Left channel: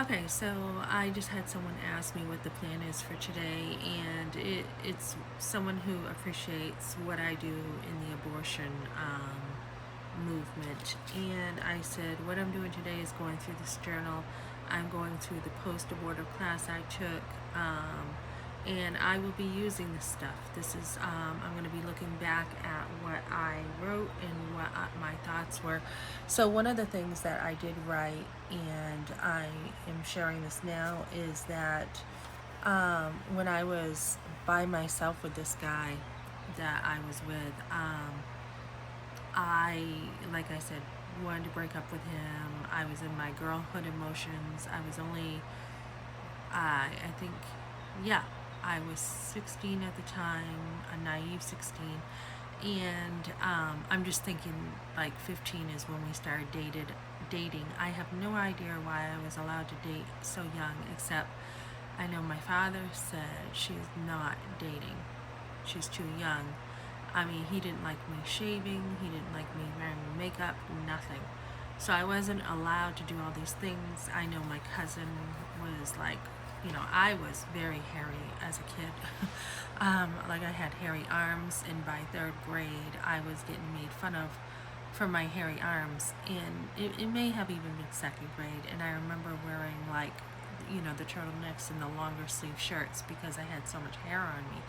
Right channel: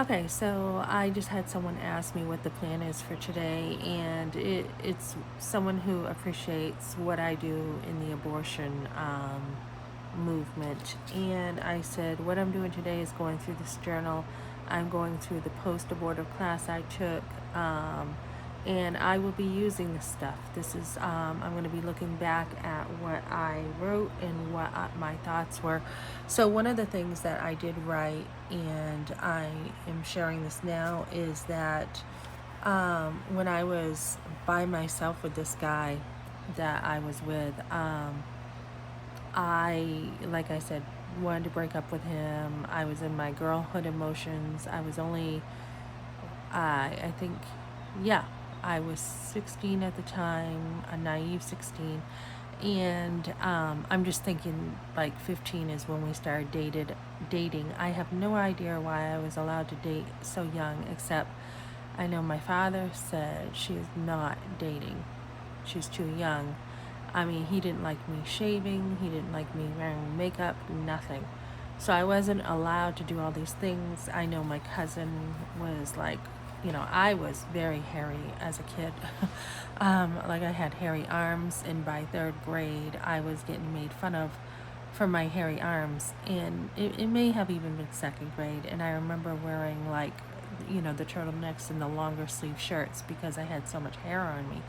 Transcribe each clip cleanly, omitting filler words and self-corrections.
Okay, so I just had someone ask me what the plan is for today, and it's someone who appreciates what I do in the abortion movement. And I said, what I'm doing today is going through this journal. I'm going through the post-abortive class I took, and I will be using this stuff. I'm going to be looking back at what I wrote and what my thoughts were. So, one of the things that I did write, and I am sharing this now, is that when I was by myself with this guy that I was with, like I said, wanted to break up with him. I was in my girlhood emotions. I was only, I think, yeah, I was 16 at the time, a naive 16. And I'm just thinking like 15 is when we started dating. I have no idea why I was allowed to date so young, except I know my father said she is not dating. She's too young. I mean, he didn't like me shaving, he didn't like me wearing makeup, nothing. So I wasn't allowed to do all these things. I know my cousin was like, I was very hairy as a kid. Like I had hairy arms, and by third grade, I was getting made fun of for my hairy arms. And it may have even been second grade. And I remember wearing like, the turtlenecks and the longer sleeve shirts because I had so much hair on me.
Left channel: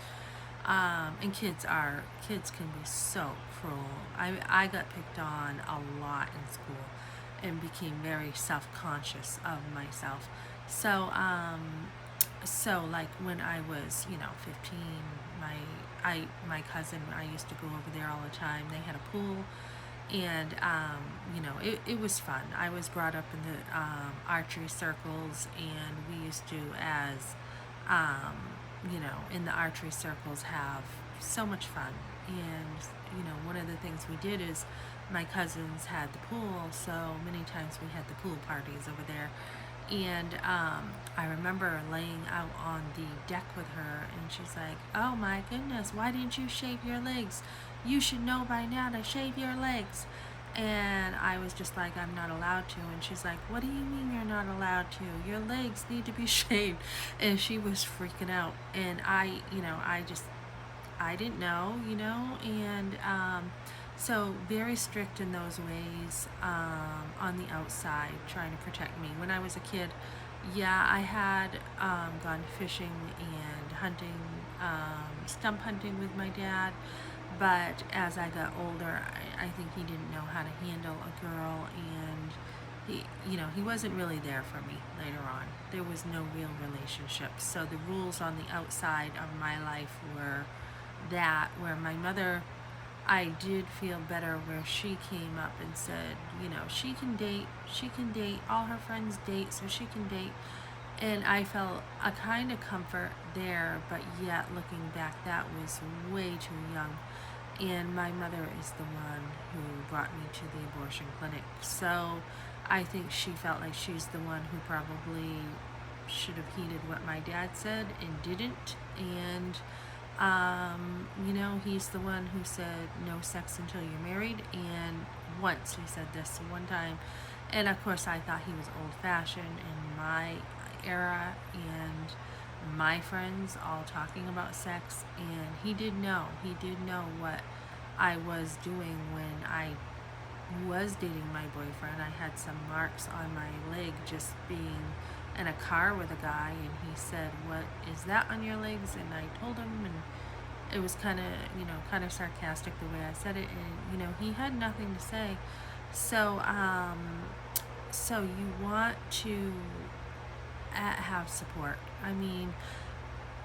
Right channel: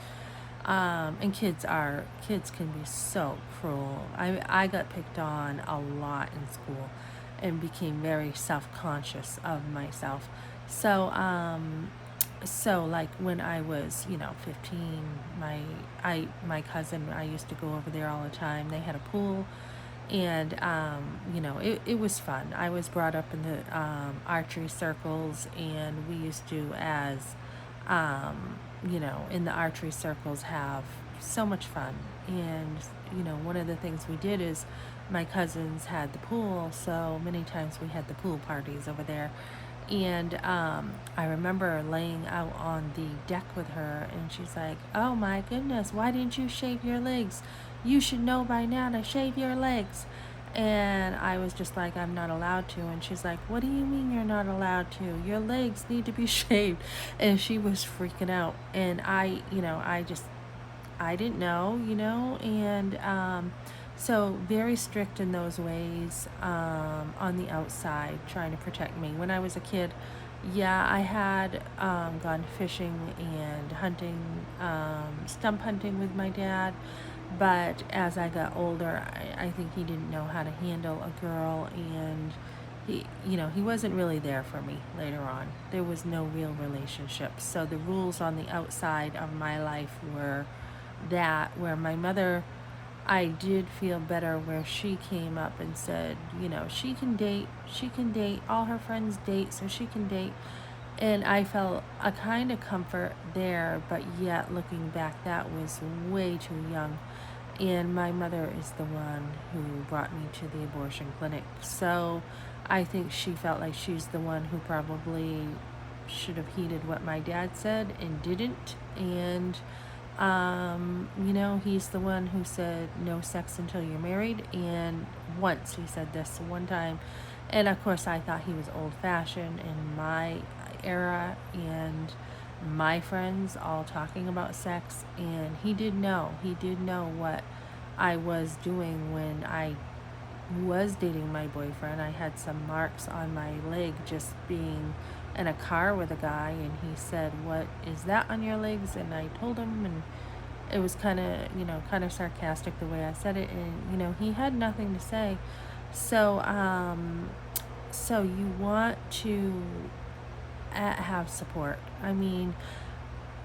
And kids can be so cruel. I got picked on a lot in school and became very self-conscious of myself. So like when I was 15, my cousin, I used to go over there all the time. They had a pool, and it was fun. I was brought up in the archery circles, and we used to, as in the archery circles, have so much fun. And one of the things we did is my cousins had the pool, so many times we had the pool parties over there. And I remember laying out on the deck with her, and she's like, "Oh my goodness, why didn't you shave your legs? You should know by now to shave your legs." And I was just like, "I'm not allowed to." And she's like, "What do you mean you're not allowed to? Your legs need to be shaved." And she was freaking out. And I didn't know, and so very strict in those ways, on the outside, trying to protect me. When I was a kid, yeah, I had gone fishing and hunting, stump hunting with my dad. But as I got older, I think he didn't know how to handle a girl, and he wasn't really there for me later on. There was no real relationship. So the rules on the outside of my life were that where my mother, I did feel better where she came up and said, she can date, all her friends date, so she can date. And I felt a kind of comfort there, but yet looking back, that was way too young. And my mother is the one who brought me to the abortion clinic. So I think she felt like she's the one who probably should have heeded what my dad said and didn't. And he's the one who said no sex until you're married. And once he said this one time, and of course I thought he was old fashioned in my era, and my friends all talking about sex. And he did know what I was doing when I was dating my boyfriend. I had some marks on my leg just being in a car with a guy, and he said, "What is that on your legs?" And I told him, and it was kind of sarcastic the way I said it, and he had nothing to say. So so you want to have support. I mean,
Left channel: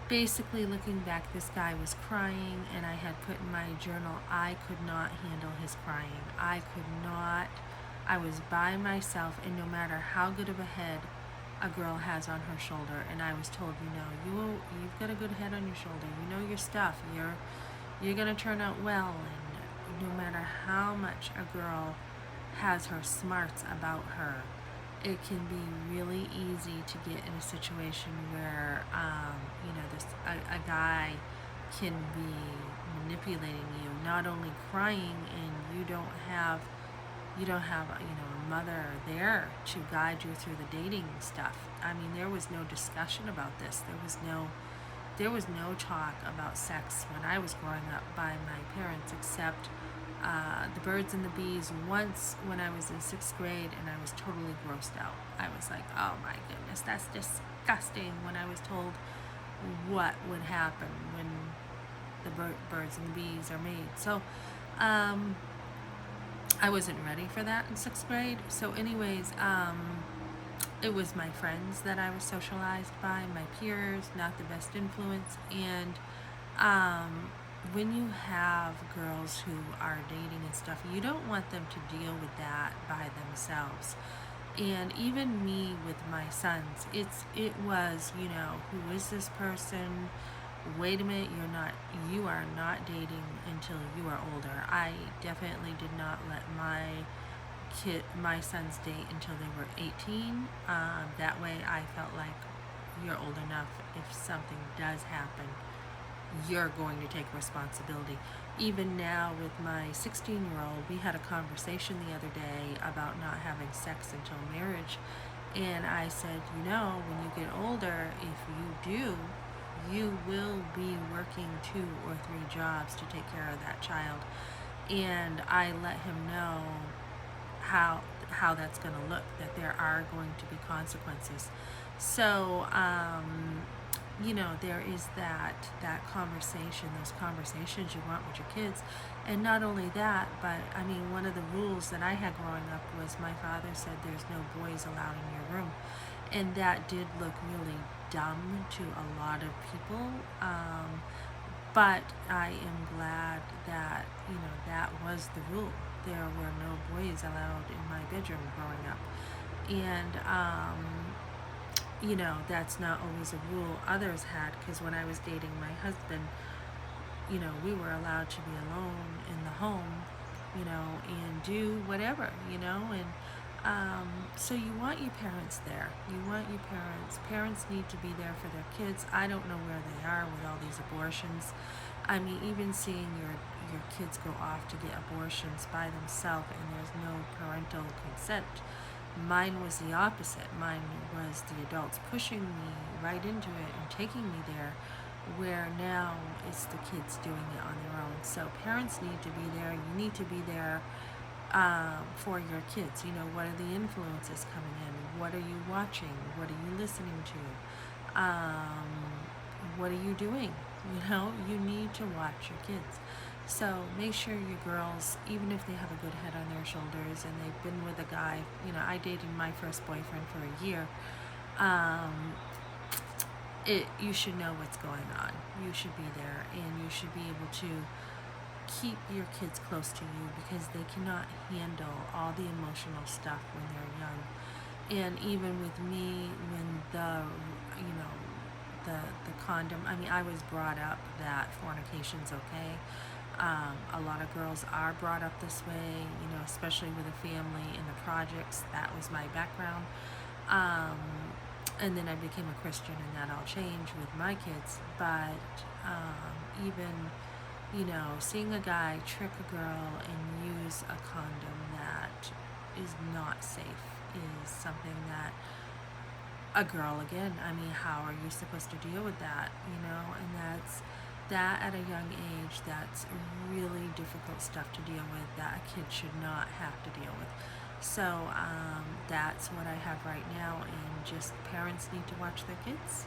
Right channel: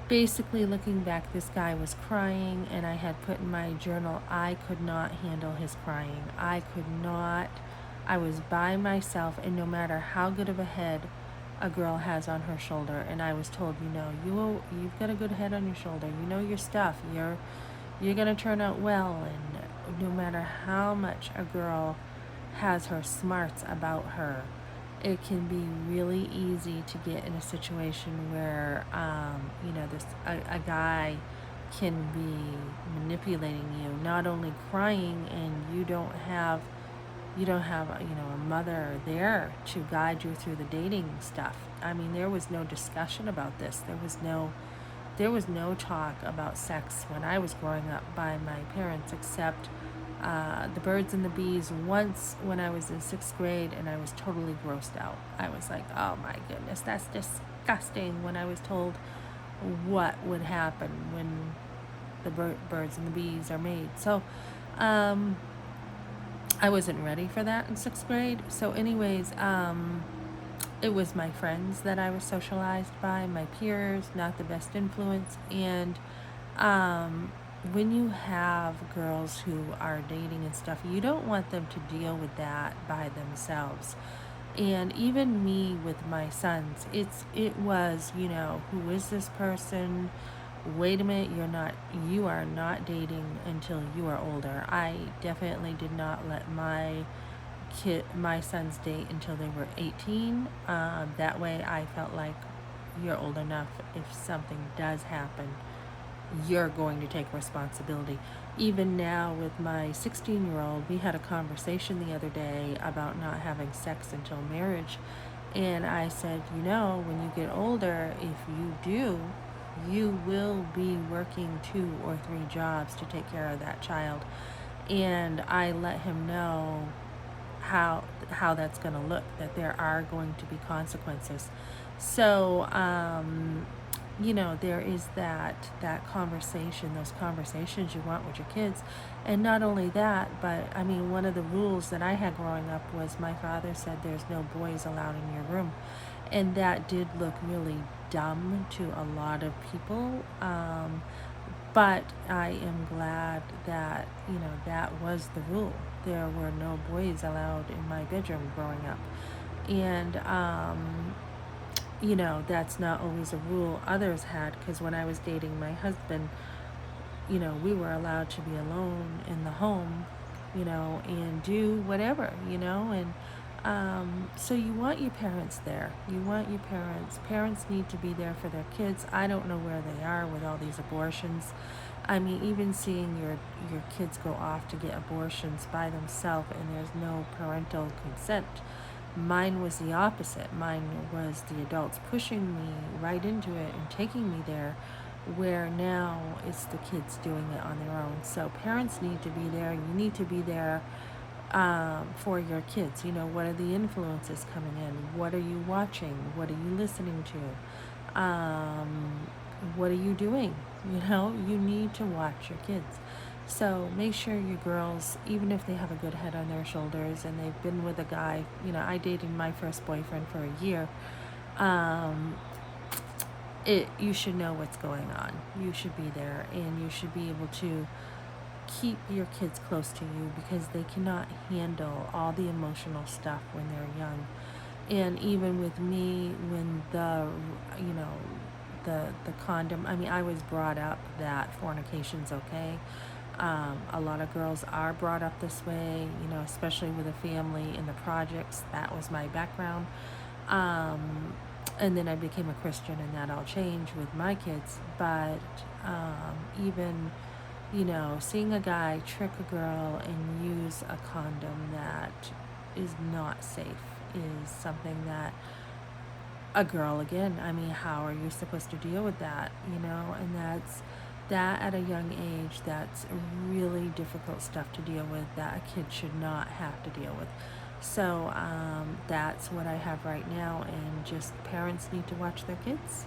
basically, looking back, this guy was crying, and I had put in my journal, I could not handle his crying. I could not. I was by myself, and no matter how good of a head a girl has on her shoulder, and I was told, you've got a good head on your shoulder, you know your stuff, you're gonna turn out well. And no matter how much a girl has her smarts about her, it can be really easy to get in a situation where a guy can be manipulating you, not only crying, and you don't have you don't have, a mother there to guide you through the dating stuff. I mean, there was no discussion about this. There was no talk about sex when I was growing up by my parents, except the birds and the bees once when I was in 6th grade, and I was totally grossed out. I was like, oh my goodness, that's disgusting, when I was told what would happen when the birds and the bees are made. So I wasn't ready for that in 6th grade. So anyways, it was my friends that I was socialized by, my peers, not the best influence. And when you have girls who are dating and stuff, you don't want them to deal with that by themselves. And even me with my sons, it was, who is this person? Wait a minute, you are not dating until you are older. I definitely did not let my sons date until they were 18. That way I felt like you're old enough. If something does happen, you're going to take responsibility. Even now with my 16-year-old, we had a conversation the other day about not having sex until marriage. And I said, when you get older, if you do, you will be working 2 or 3 jobs to take care of that child. And I let him know how that's going to look, that there are going to be consequences. So there is that conversation, those conversations you want with your kids. And not only that, but I mean, one of the rules that I had growing up was my father said there's no boys allowed in your room. And that did look really dumb to a lot of people. But I am glad that, that was the rule. There were no boys allowed in my bedroom growing up. And, that's not always a rule others had, because when I was dating my husband, we were allowed to be alone in the home, and do whatever, and so you want your parents there. You want your parents. Parents need to be there for their kids. I don't know where they are with all these abortions. I mean, even seeing your kids go off to get abortions by themselves and there's no parental consent. Mine was the opposite. Mine was the adults pushing me right into it and taking me there, where now it's the kids doing it on their own. So parents need to be there. You need to be there for your kids. What are the influences coming in? What are you watching? What are you listening to? What are you doing? You need to watch your kids. So make sure your girls, even if they have a good head on their shoulders and they've been with a guy, I dated my first boyfriend for a year. You should know what's going on. You should be there, and you should be able to keep your kids close to you, because they cannot handle all the emotional stuff when they're young. And even with me, when the condom, I mean, I was brought up that fornication's okay. A lot of girls are brought up this way, especially with a family in the projects. That was my background. And then I became a Christian, and that all changed with my kids. But even, seeing a guy trick a girl and use a condom that is not safe is something that a girl, again, I mean, how are you supposed to deal with that, and that at a young age, that's really difficult stuff to deal with that a kid should not have to deal with. So that's what I have right now, and just parents need to watch their kids.